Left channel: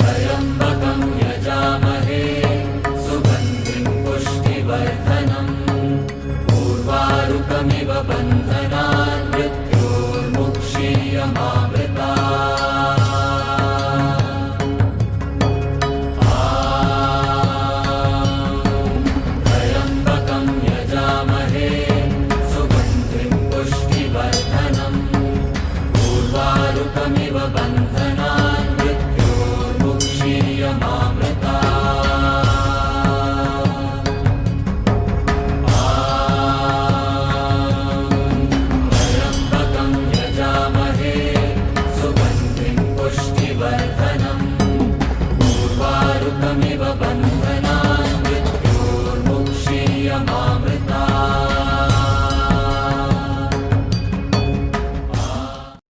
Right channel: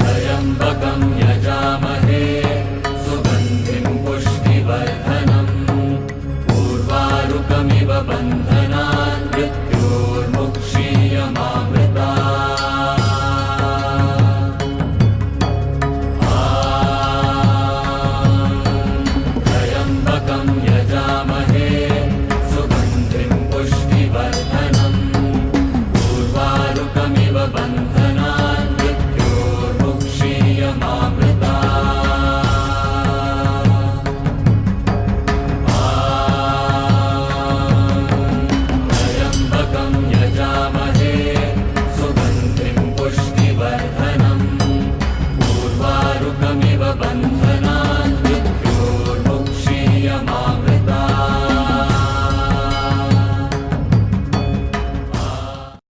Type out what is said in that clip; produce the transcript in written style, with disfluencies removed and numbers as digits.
त्र्यम्बकं यजामहे सुगन्धिं पुष्टिवर्धनम् उर्वारुकमिव बन्धनान् मृत्योर्मुक्षीयमामृतात्। त्र्यम्बकं यजामहे सुगन्धिं पुष्टिवर्धनम् उर्वारुकमिव बन्धनान्